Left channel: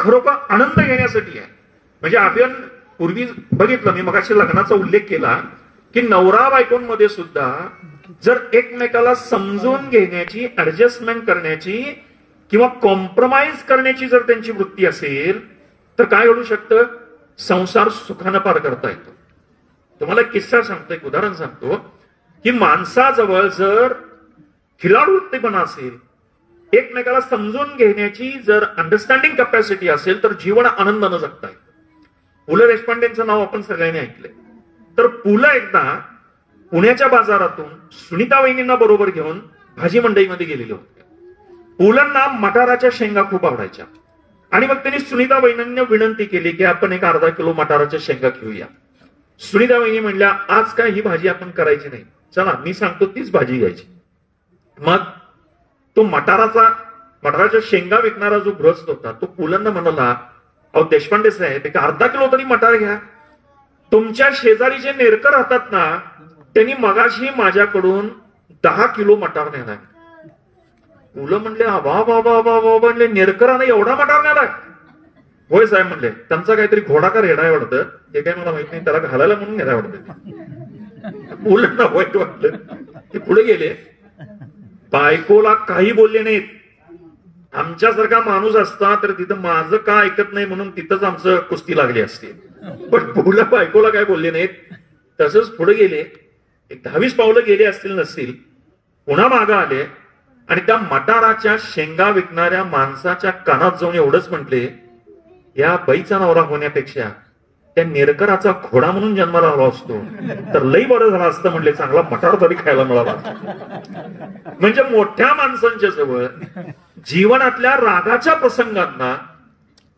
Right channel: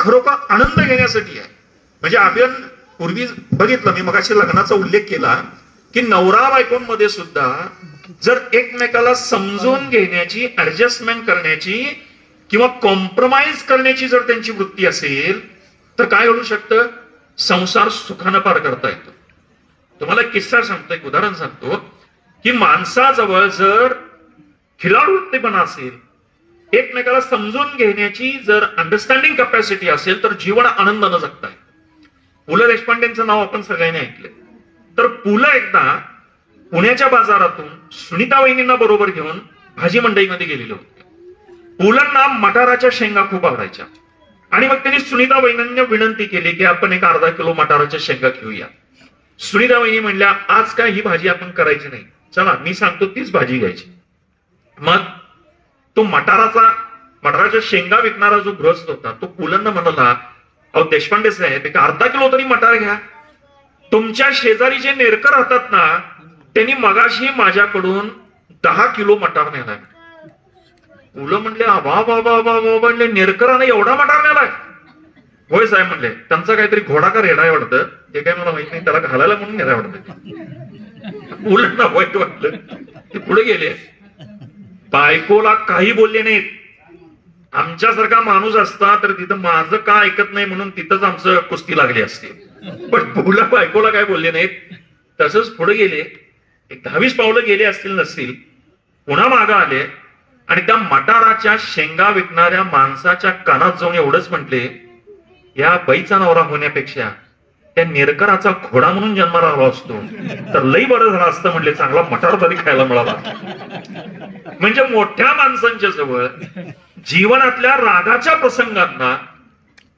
खरोखर आनंद घेण्यासाठी आहे. म्हणजे आपण पूर्वी बघितलं, मी मगाशी लग्नाचा उल्लेख केला की नवरा बायकोंमध्ये सुद्धा जर एकमेकाला समजून घेण्याची, ऍडजस्टमेंट करण्याची किंवा कॉम्प्रोमाइज करण्याची जर त्यांची वृत्ती असेल तर काय घडू शकतं, संसार सुखानं पार करता येतो. तुम्हाला एक किस्सा सांगतो, एक उदाहरण सांगतो की माणसाजवळ जर खिलाडूपणा असेल, एकमेकाला समजून घेण्याची जर अंडरस्टँडिंग कॅपॅसिटी असेल तर जीवन आनंदानं जगता येतं. पु ल देशपांडेंचं नाव आपण सगळ्यांनी ऐकलंय. तर पु ल एकदा पुण्याच्या बाजारातून सुनीता वहिनींना बरोबर घेऊन भाजी मंडईमध्ये गेलेले होते. पु लंना मटाराच्या शेंगा खूप आवडायच्या आणि मग त्यांनी सुनीता वहिनींना विनंती केली की आपण एक अर्धा किलो मटाराच्या शेंगा घेऊया. सुनीता वहिनी म्हणल्या, आज काय ही भाजी आपण करायची नाही, चला मी सांगतो तीच भाजी घ्यायची. मग तो मटाराच्या शेंगा विकणारा जो गृहस्थ होता तो पु लंना म्हणाला, अहो देशपांडे साहेब, एक अर्धा किलो तरी मटार घ्या. तुमच्या शेजारी जे नेरकर राहतात ना, त्यांनी मगाशी माझ्याकडून 10 किलो मटार नेलाय. पु ल म्हणले, वा वा वा वा वा, म्हणले नेरकराने एवढा मटार नेलाय? होय साहेब म्हणले, त्यांचा काहीतरी घोडा का रेडा आहे वाटतं, ते काय मला माहित नाही, त्याला घालायला म्हणून नेलाय वाटतं. पु लंना वाईट वाटलं, ते पुढे गेले. बायकोला काही बोलले नाहीत. आमच्यासारखा माणूस असता तर तिथं माझं का ऐकत नाही म्हणून तिथंच आमचं कुस्ती लागली असते. पण पु ल बायकोला काय बोलले नाहीत. तसंच पुढे गेले, एक 10-20 पावलं गेले असतील नसतील, पुन्हा मागं आले आणि त्या मटाराच्या शेंगा विकणाऱ्या माणसाच्या कानात जाऊन एवढंच म्हटले, या बाईचा नवरा होण्यापेक्षा त्या नेरकराचा घोडा म्हणून जन्माला आला असतो तर लई बरं झालं असतं. म्हणले, चांगला मटार तरी खायला मिळाला. म्हणजे मोठ्या माणसांच्या जवळ जीवनातल्या रागाच्या प्रसंगांना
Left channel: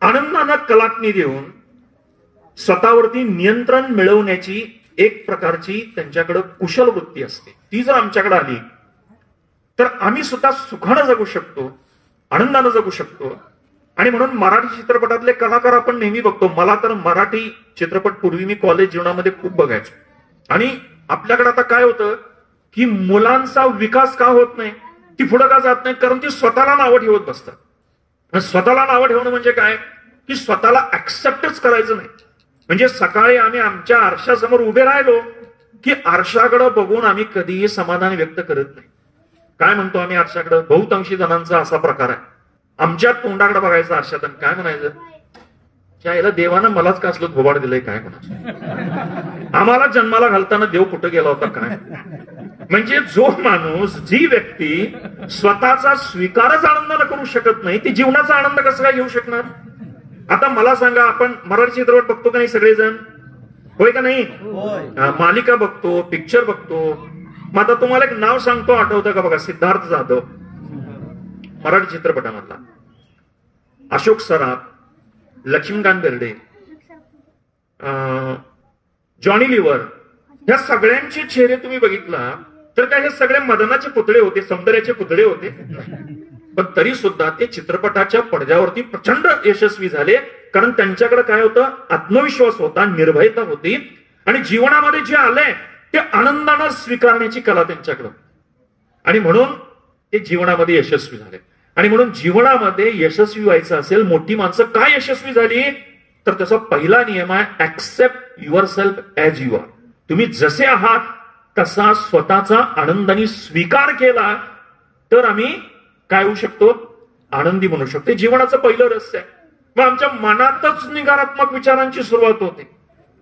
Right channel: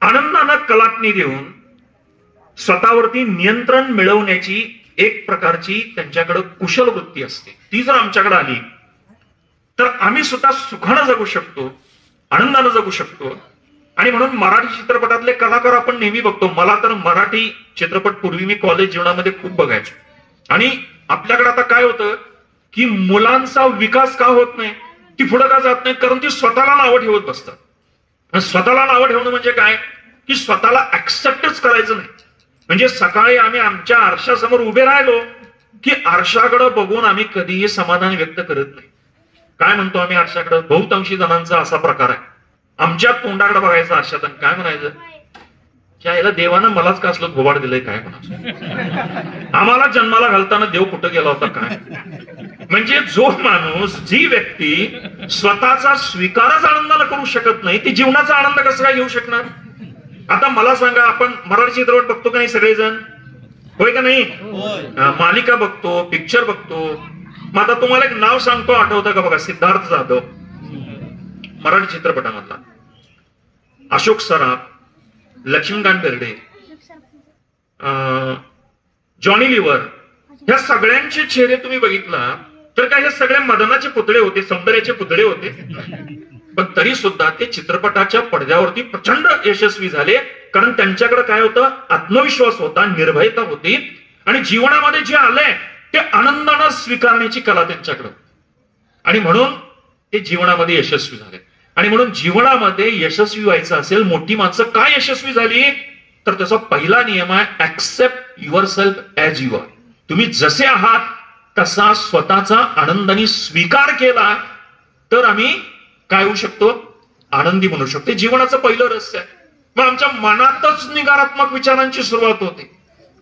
आनंदानं कलाटणी देऊन स्वतःवरती नियंत्रण मिळवण्याची एक प्रकारची त्यांच्याकडे कुशल वृत्ती असते. ती जर आमच्याकडे आली तर आम्ही सुद्धा सुखानं जगू शकतो, आनंदानं जगू शकतो. आणि म्हणून मराठी चित्रपटातले कलाकार आपण नेहमी बघतो. मला तर मराठी चित्रपट पूर्वी मी कॉलेज जीवनामध्ये खूप बघायचो. आणि आपल्याकडे आता काय होतं की मुलांचा विकास का होत नाही, ती पुढे का जात नाही, कारण ती स्वतःला नावं ठेवत बसतात. स्वतःला नावं ठेवणं म्हणजे काय की स्वतःला ऍक्सेप्टच करायचं नाही. म्हणजे सकाळी आम्ही आमच्या आरशासमोर उभे राहिलो की आरशाकडे बघून आम्ही कधीही समाधान व्यक्त करत नाही. काय म्हणतो आम्ही आरशाकडे, बहुतांशी जणांचा असा प्रकार आहे, आमच्या तोंडाकडे बघायचं आरशात आणि काय म्हणायचं, याला देवानं मलाच का असलं घोबाड दिलंय काय म्हणायचं, आम्हाला जन्माला घालताना देव कुठं गेला होता काय. म्हणजे जो माणूस, जी व्यक्ती स्वतःचा स्वीकारच आनंदानं करू शकत नाही, ती जीवनाचा आनंद कसा काय घेऊ शकणार. आता मला सांगा, आपण मराठी चित्रपट बघतो का नाही सगळेजण, होय का नाही, मालिका बघतो, पिक्चर बघतो. मग आता तुम्हाला एक नाव सांगतो, आठवतं का बघा, सिद्धार्थ जाधव मराठी चित्रपटामधला, अशोक सराफ, लक्ष्मीकांत बेर्डे, जॉनी लिव्हर, ह्या सगळ्यांचे चेहरे तुम्ही बघितला तर काय हे सगळे मदनाचे पुतळे होते, सौंदर्याचे पुतळे होते. पण तरी सुद्धा ते चित्रपटाच्या पडद्यावरती प्रचंड यशस्वी झाले, कारण त्यांच्याकडे काय होतं, आत्मविश्वास होता, निर्भयता होती आणि जीवनामध्ये जे आलंय ते आनंदानं स्वीकारण्याची कला त्यांच्याकडे. आणि म्हणून ते जीवनामध्ये यशस्वी झाले. आणि म्हणून जीवनामध्ये यशस्वी व्हायचं असेल, मोठी माणसं काय यशस्वी झाली, तर त्याचा पहिला नियम आहे, accept yourself as you are. तुम्ही जसे आहात तसा स्वतःचा आनंदाने स्वीकार केला तर आम्ही काय होऊ शकतो, आनंदी बनू शकतो. जीवनाचं पहिलं रहस्य आहे. मग आमच्या मनातच निगारात्मक विचारांची सुरुवात होते.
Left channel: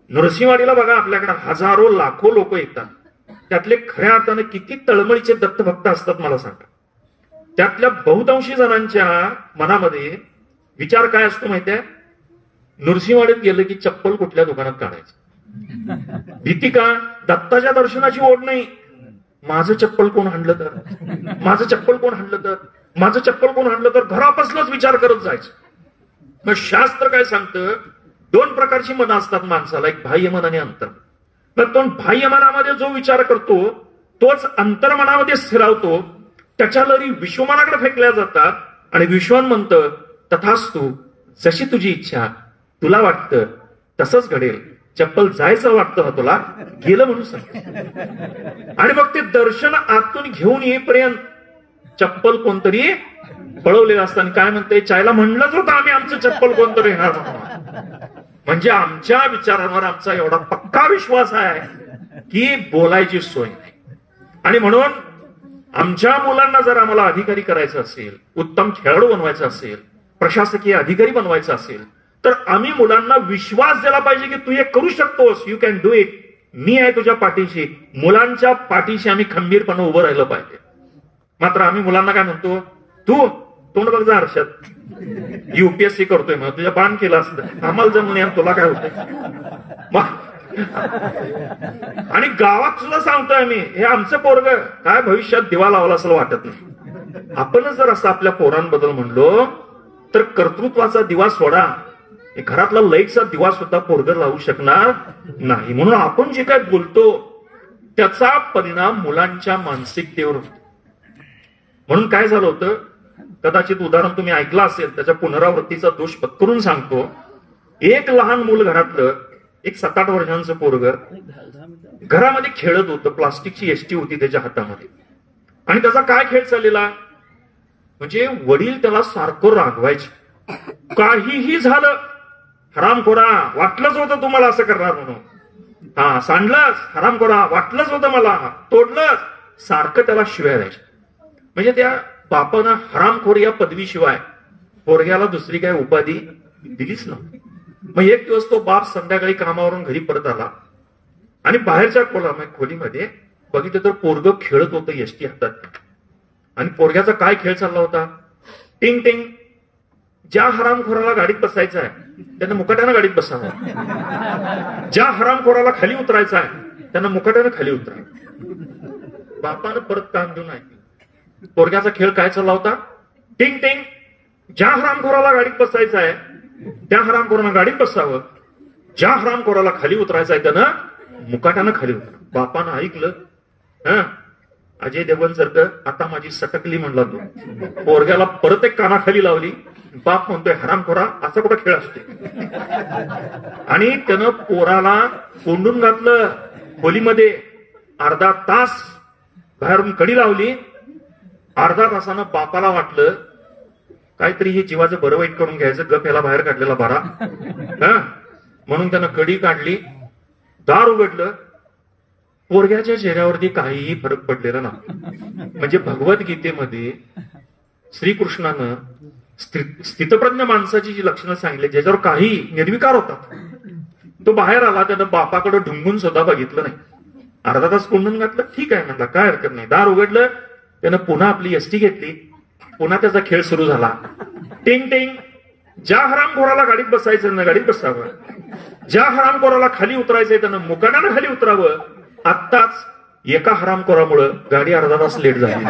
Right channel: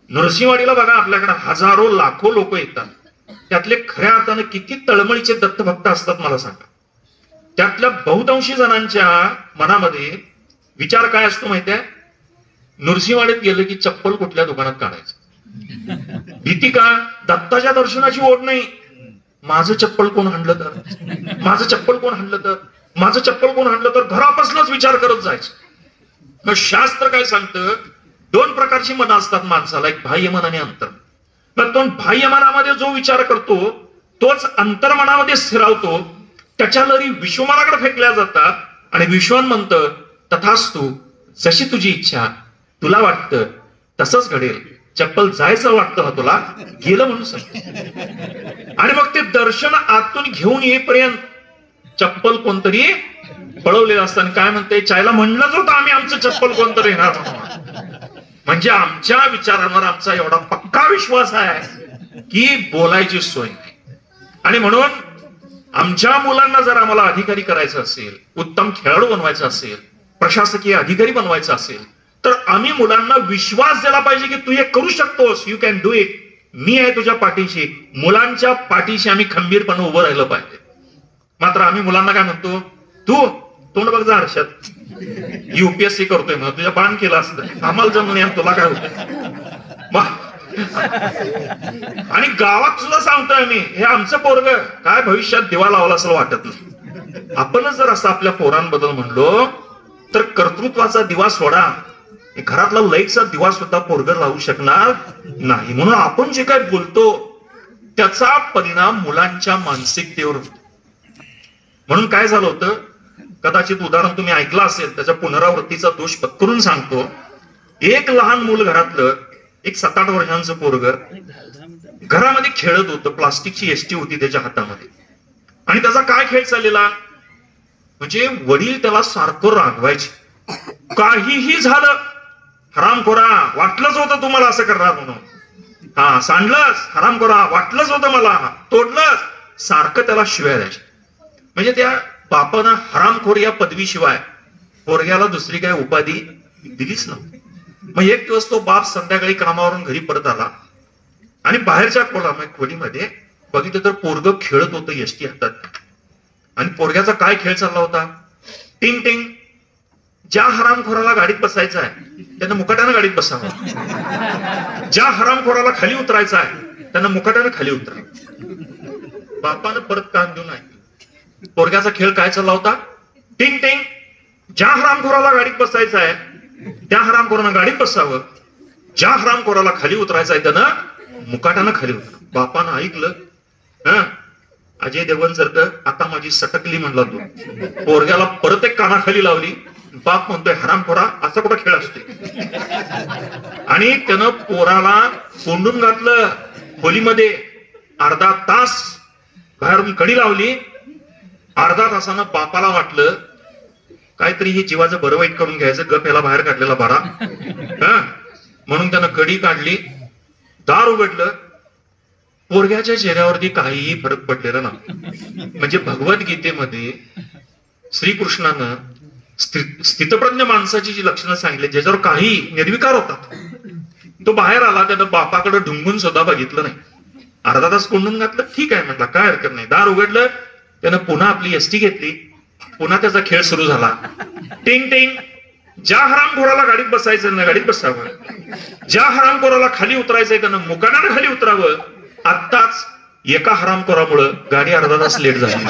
नृसिंहवाडीला बघा, आपल्याकडे हजारो लाखो लोक येतात, त्यातले खऱ्या अर्थानं किती तळमळीचे दत्तभक्त असतात मला सांगा. त्यातल्या बहुतांशी जणांच्या मनामध्ये विचार काय असतो माहितीये, नृसिंहवाडीत गेलं की चप्पल कुठल्या दुकानात काढायचं. भीती का, दत्ताच्या दर्शनाची ओढ नाही, माझं चप्पल कोण हाणलं तर, माझं चप्पल कोण हाणलं तर, माझं चप्पल कोण हाणलं तर, घरापासूनच विचार करत जायचं. मग शास्त्र काय सांगतं, 2 प्रकारची मनं असतात माणसाला, एक बाह्य मन आणि अंतर्मन. मग तो बाह्य मनामध्ये जो विचार करतो तोच अंतर्मनामध्ये स्थिरावतो, त्याच्या लहरी विश्वमनाकडे फेकल्या जातात आणि विश्वन म्हणतं, तथास्तु, जशी तुझी इच्छा, तुला वाटतं तसंच घडेल, चप्पल जायचं वाटतं ना तुला, गेलं म्हणून सांग. आणि मग ते दर्शन आतून घेऊन येईपर्यंत चप्पल कोणतरी पळवलेलं असताना काय म्हणते, चायला म्हणलंच होतं आम्ही आमचं चप्पल कोणतरी येणार म्हणून. म्हणजे आमच्या विचारांवर आमचा एवढा पक्का विश्वास आहे की बोलायची सोय नाही. आणि म्हणून आमच्या मुलांना जर आम्हाला अधिकारी करायचं असेल, उत्तम खेळाडू बनवायचं असेल, प्रशासकीय अधिकारी बनवायचं असेल, तर आम्ही मुलांना विश्वास दिला पाहिजे की तू हे करू शकतोस, यू कॅन डू इट, मी आहे तुझ्या पाठीशी. मुलांच्या पाठीशी आम्ही खंबीरपणे उभं राहिलं पाहिजे. मात्र आम्ही मुलांना काय म्हणतो, तू तोंड बघ जा आरशात, युपीएससी करतोय मग तुझ्या बाण केलं असतं, आम्हाला जमून या, तुला काय होतंय. आणि गावात सुद्धा सांगतोय मी, हे आमचं पोरग काय भविष्यात दिवा लावला असं वाटत नाही. आपणच जर असं आपल्या पोरांबद्दल म्हणलो तर कर्तृत्वाचा दिवा सोडा, घरातला लाईटचा दिवा सुद्धा पोरग लावू शकणार नाही. म्हणून आपण जे काय बोलतो त्याचा परिणाम मुलांच्या मानसिकतेवर होतो. म्हणून काय झालं होतं, कदाचित उदाहरण तुम्ही ऐकलं असेल, त्याच्या पुनरावृत्तीचा दोष पत्करून सांगतो. एक लहान मूल घरातलं, एक 7-8 वर्षांचं पोरग घरामध्ये खेळत होतं. प्लास्टिकची एसटी होती त्याच्या हातामध्ये. आणि त्याचा काय खेळ चाललेला, म्हणजे वडील त्याला सारखं रागवायचे, काहीही झालं, हरामखोरा, वाटलंच होतं तुम्हाला असं करणार म्हणून, हा सांडलंस, हरामखोरा, वाटलंच होतं मला, तोडलंस, सारखं त्याला शिव्या द्यायचे. म्हणजे त्या बापानं हरामखोर या पदवीशिवाय पोरग्याला दुसरी काय उपाधी दिलीच नव्हती. मग एक दिवस तो बाप संध्याकाळी कामावरून घरी परत आला आणि बाहेरच्या खोलीमध्ये बघितलं तर पोरग खेळत होतं एसटी हातात. आणि पोरग्याचा काय खेळ चालला होता, टिंग टिंग, ज्या हरामखोराला गाडीत बसायचं आहे त्यानं मुकाट्यानं गाडीत बसावं, ज्या हरामखोराला खाली उतरायचं आहे त्यानं मुकाट्यानं खाली उतरावं. बापानं परत कान देऊन ऐकलं. पोरग्याचा खेळ काय चालला होता, टिंग टिंग, ज्या हरामखोराला गाडीत बसायचं आहे त्या हरामखोरानं गाडीत बसावं, ज्या हरामखोराला खाली उतरायचं आहे त्यानं मुकाट्यानं खाली उतरावं. बापानं ऐकलं. अजय देवगण सारखं आता माझी सटकली म्हणला तो. पोरग्याला परत एक कानाखाली लावली. बाप म्हणतोय, हरामखोरा, असा कुठं खेळ असते. आणि त्यानं पोराला कोंडून घातलं खोलीमध्ये. अर्धा तास बाहेरून कडी लावली. अर्धा तासानं बापाला वाटलं काहीतरी हे जीवाचं बरं वाईट करून घ्यायचं, गप याला बाहेर काढलेला बरा. म्हणून त्यानं कडी काढली, दार उघडलं. पोरग्याच्या चेहऱ्यावरती काहीही फरक पडलेला नव्हता. म्हणजे भगवद्गीतेमध्ये श्रीकृष्णानं स्थितप्रज्ञ माणसाची जी लक्षणं सांगितली, ज्याच्यावर काही निर्विकार होतात, तो बाहेर आला. त्यानं बापाकडे ढुंगून सुद्धा बघितलं नाही. अर्धा तास कोंडून घातलं, ठीक आहे म्हटलं, काय हरकत नाही. दार उघडलं, त्यानं पुन्हा आपली एसटी घेतली. पुन्हा त्याचा खेळ सुरू झाला. टिंग टिंग, ज्या हरामखोराला गाडीत बसायचं ना गाडीत बसावं, ज्या हरामखोराला खाली उतरायचंय त्यानं मुकाट्यानं खाली उतरावं. आत्ताच एका हरामखोरामुळं गाडी अर्धा तास लेट झाली.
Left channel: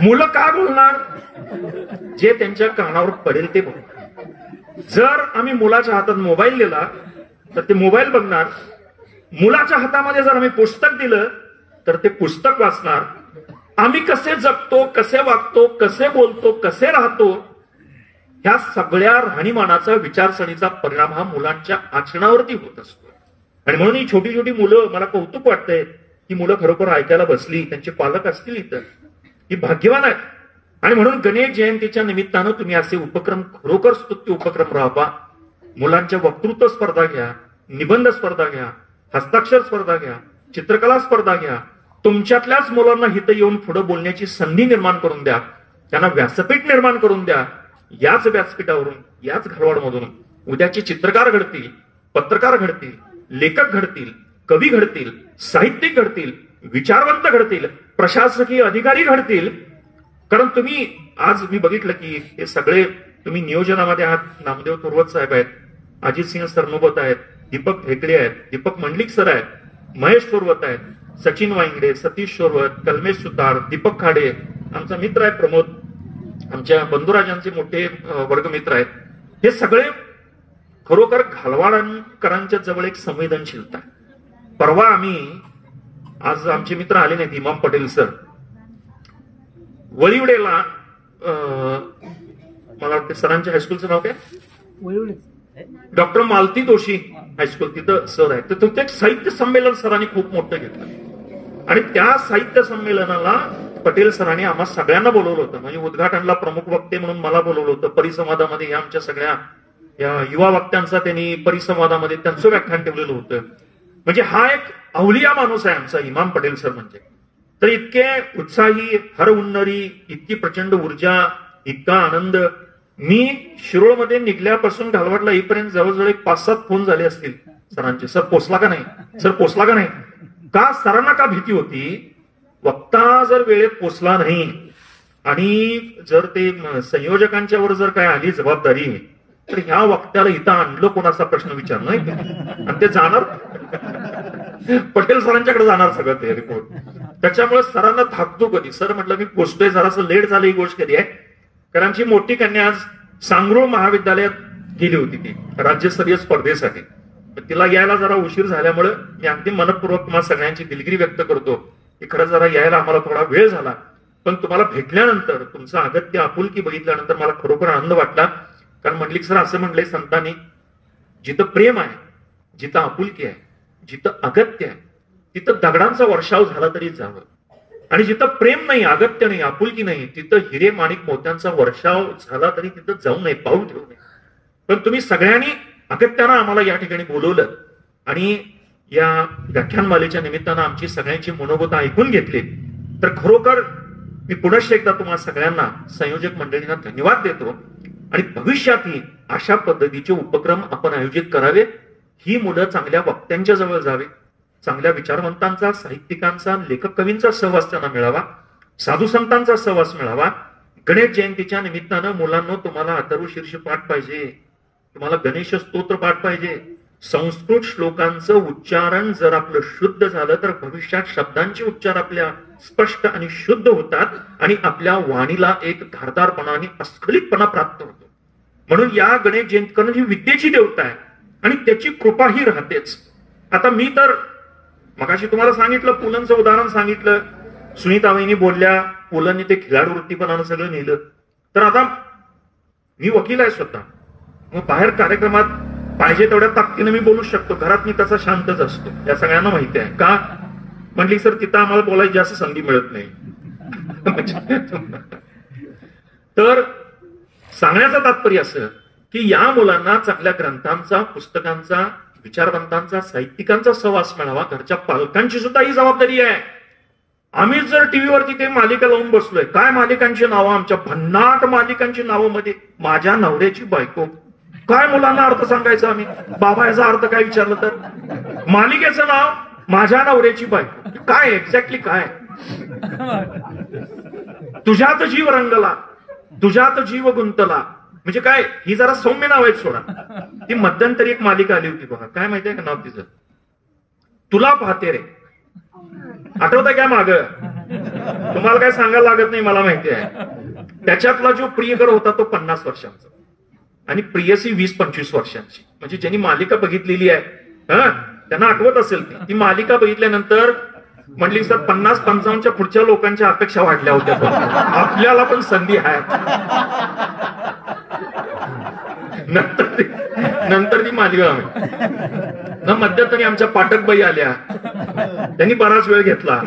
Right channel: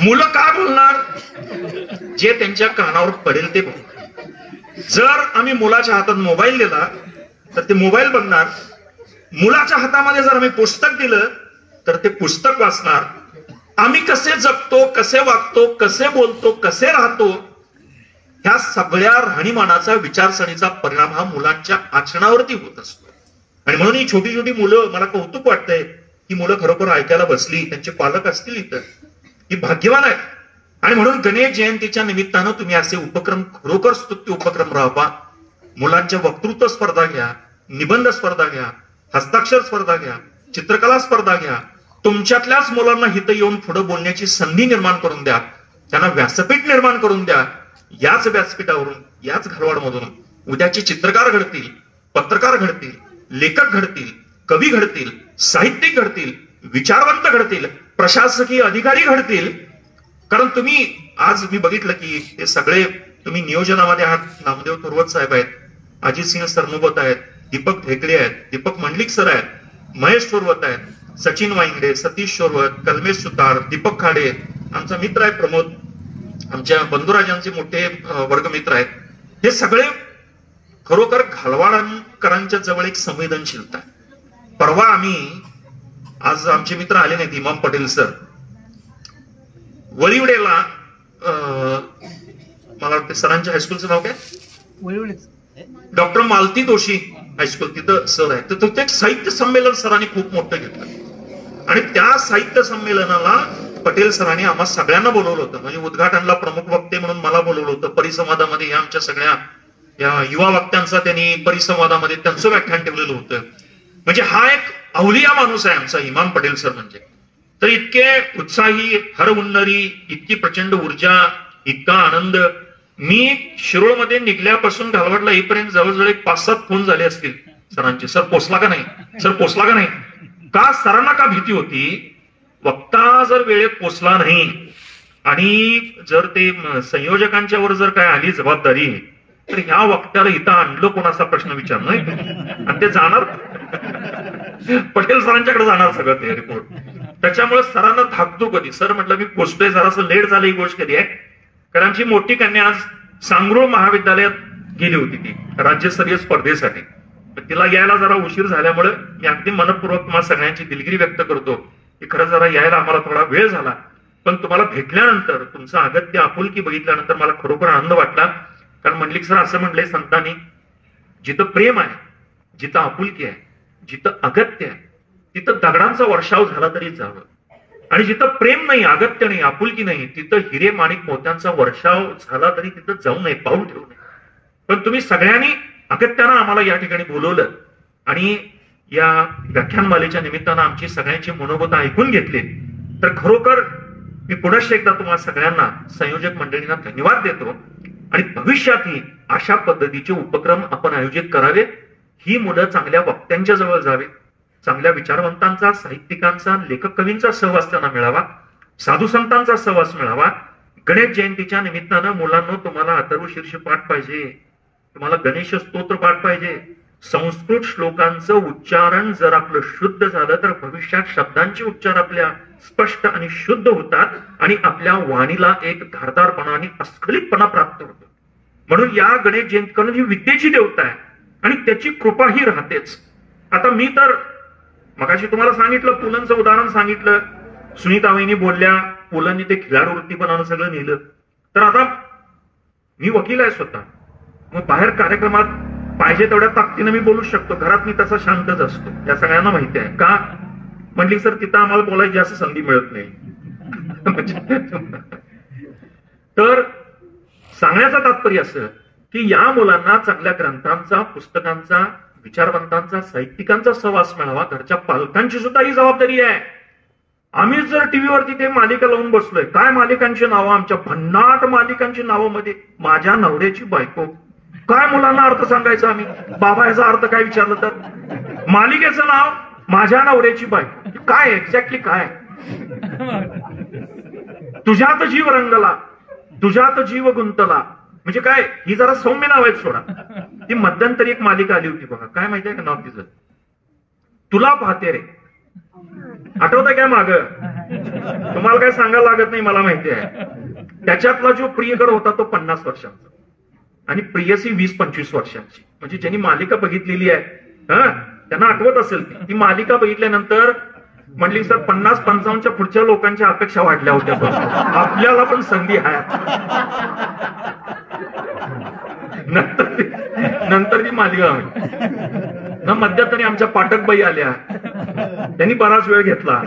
मुलं काय बोलणार, जे त्यांच्या कानावर पडेल ते बोलणार. जर आम्ही मुलाच्या हातात मोबाईल दिला तर ते मोबाईल बघणार. मुलाच्या हातामध्ये जर आम्ही पुस्तक दिलं तर ते पुस्तक वाचणार. आम्ही कसे जगतो, कसे वागतो, कसे बोलतो, कसे राहतो, ह्या सगळ्या राहणीमानाचा, विचारसरणीचा परिणाम हा मुलांच्या आचरणावरती होत असतो. आणि म्हणून ही छोटी छोटी मुलं, मला कौतुक वाटतंय ही मुलं खरोखर ऐकायला बसली, त्यांचे पालक असतील इथं, ही भाग्यवान आहेत. आणि म्हणून गणेश जयंतीच्या निमित्तानं तुम्ही असे उपक्रम, खरोखर स्तुत्य उपक्रम राबवा. मुलांच्या वक्तृत्व स्पर्धा घ्या, निबंध स्पर्धा घ्या, हस्ताक्षर स्पर्धा घ्या, चित्रकला स्पर्धा घ्या. तुमच्यातल्याच मुलांना हित येऊन पुढे बोलण्याची संधी निर्माण करून द्या. त्यांना व्यासपीठ निर्माण करून द्या. याच व्यासपीठावरून, याच घरवाडमधून उद्याचे चित्रकार घडतील, पत्रकार घडतील, लेखक घडतील, कवी घडतील, साहित्यिक घडतील, विचारवंत घडतील, प्रशासकीय अधिकारी घडतील. कारण तुम्ही आज मी बघितलं की हे सगळे तुम्ही नियोजनामध्ये आहात. नामदेव थोरवत साहेब आहेत, अजित सिंह सरनोबत आहेत, दीपक ढेकळे आहेत, दीपक मंडलिक सर आहेत, महेश थोरवत आहेत, सचिन वाईंगडे, सतीश थोरवत, कल्मेश सुतार, दीपक खाडे, आमचा मित्र आहे प्रमोद, आमच्या बंधुराजांचे मोठे वर्गमित्र आहेत. हे सगळे खरोखर घालवाडकरांच्या जवळ एक संवेदनशीलता आहे. परवा आम्ही, आज आमचे मित्र आले नाहीत, इमाम पटेल सर, वळीवडेला, मला वाटतं सरांच्या हायस्कूलचं नाव काय, डॉक्टर मालती जोशी हायस्कूल, तिथं सर आहे. तर तिथे एक साहित्य संमेलन सरांनी खूप मोठं घेतलं. आणि त्या साहित्य संमेलनाला पटेल सरांनी आम्हा सगळ्यांना बोलवलं होतं. म्हणजे उद्घाटनला प्रमुख वक्ते म्हणून मला बोलवलं होतं. परिसंवादामध्ये या आमच्या सगळ्या या युवा वक्त्यांचा त्यांनी परिसंवादामध्ये त्यांचं व्याख्यान ठेवलेलं होतं. म्हणजे हा एक अवलिया माणूस आहे आमचा इमाम पटेल सर म्हणजे. तर इतके उत्साही, हर हुन्नरी, इतकी प्रचंड ऊर्जा, इतका आनंद. मी शिरोळमध्ये निघल्यापासून घालवडला येईपर्यंत जवळजवळ 5-7 फोन झाले असतील सरांचे. सर पोचला का नाही, सर पोचला का नाही. का सरांना का भीती होती, वक्ता जर वेळेत पोचला नाही आणि जर ते संयोजकांच्या वर जर काय आली जबाबदारी, तर ह्या वक्त्याला इथं आणलं कोणाचा प्रश्न विचारणं आणि ते जाणार पटेल सरांच्याकडे जाणार सगळं ते रिपोर्ट. त्याच्यामुळे सरांना धाकतो कधी. सर म्हटलं मी पोचतोय, जरासं लेट झालं ही गोष्ट कधी आहे. कारण आमची मोठी कन्या आज सांगरोळ महाविद्यालयात गेली होती ती राज्यस्तरीय स्पर्धेसाठी. तिला यायला जरा उशीर झाल्यामुळे मी अगदी मनपूर्वक तुम्हाला सगळ्यांची दिलगिरी व्यक्त करतो की खरं जरा यायला आम्हाला थोडा वेळ झाला. पण तुम्हाला भेटल्यानंतर, तुमचं अगत्य आपुलकी बघितल्यानंतर मला खरोखर आनंद वाटला. कारण मंडलिक सर असं म्हणलंय संतांनी, जिथं प्रेम आहे, जिथं आपुलकी आहे, जिथं अगत्य आहे, तिथं दगडांचा वर्षाव झाला तरी जावं. आणि जिथं प्रेम नाही, अगत्य नाही, आपुलकी नाही, तिथं हिरे माणिक मोत्यांचा वर्षाव झाला तरी तिथं जाऊ नये, पाऊल ठेवू नये. पण तुम्ही सगळ्यांनी अगत्यानं आम्हाला या ठिकाणी बोलवलं आणि या व्याख्यानमालेच्या निमित्तानं आमची सगळ्यांची मनोगत ऐकून घेतली. तर खरोखर मी पुनश्च एकदा तुम्हाला सगळ्यांना, संयोजक मंडळींना धन्यवाद देतो. आणि भविष्यातही अशा पद्धतीचे उपक्रम आपण आयोजित करावे. ही मुलं चांगल्या वक्त्यांच्या जवळ जावे, चांगल्या विचारवंतांचा, साहित्यिकांचा, लेखक कवींचा सहवास त्यांना मिळावा, साधू संतांचा सहवास मिळावा. गणेश जयंतीच्या निमित्तानं मुलांना तुम्हाला अथर्व शीर्ष पाठ पाहिजे, तुम्हाला गणेश स्तोत्र पाठ पाहिजे. संस्कृत श्लोकांचं उच्चारण जर आपलं शुद्ध झालं तर भविष्यात शब्दांचे उच्चार आपल्या स्पष्ट आणि शुद्ध होतात आणि आपल्या वाणीला एक धारदारपणा आणि अस्खलितपणा प्राप्त होतो. म्हणून या गणेश जयंती करून ही विद्येची देवता आहे आणि त्याची कृपाही राहतेच. आता मी तर मगाशी तुम्हाला सांगितलं, पुलंचं उदाहरण सांगितलं, सुनीताबाईंनी बोलल्या, पुलंनी ते खिलाडू वृत्तीपणानं सगळं नेलं. तर आता मी वकील आहे स्वतः, मग बाहेर कार्यक्रमात पाहिजे तेवढ्या ताकदीनं मी बोलू शकतो, घरात मी तसा शांतच असतो, या सगळ्यांना माहिती आहे. का म्हटली सर तिथं आम्हाला बोलायची जास्त संधी मिळत नाही. तर सांगण्याचं तात्पर्य असं की या मुलांना चांगल्या ग्रंथांचा, पुस्तकांचा, विचारवंतांचा, साहित्यिकांचा सहवास मिळावा. घरच्या पालकांची सुद्धा ही जबाबदारी आहे. आम्ही जर टीव्हीवरती ते मालिका लावून बसलोय, काय मालिकांची नावं, आमच्या भन्नाट मालिकांची नावं मध्ये माझ्या नवऱ्याची बायको, काय मुलांना अर्थ सांगायचा आम्ही, बाबा याचा अर्थ काय विचारलं तर, मालिकेचं नाव माझ्या नवऱ्याची बायको, काय एक्झॅक्टली काय, तुझ्यात जीव रंगला, तुझ्यात जीव गुंतला, म्हणजे काय. ही जरा सौम्य नाव आहेत सोडा. ती मध्यंतरी एक मालिका आली होती बघा, काय माहितीये का नाव तिचं, तुला पाहते रे, आठवतं क्या माग, तुम्हाला काय सांगायला लागत नाही, मला माहिती आहे. त्याच्यातला जो प्रियकर होता तो 50 वर्षांचा आणि प्रियसी 20-25 वर्षांची. म्हणजे ज्यांनी मालिका बघितलेली आहे त्यांना आठवत असेल ती मालिका बघितल्यानंतर म्हटली सर 50-55च्या पुढच्या लोकांच्या अपेक्षा वाढल्या होत्या, आपल्याला पण संधी आहे. नंतर ती मालिका मध्यंतरी आमच्या पाठकबाई आल्या, त्यांनी बराच वेळ घेतला.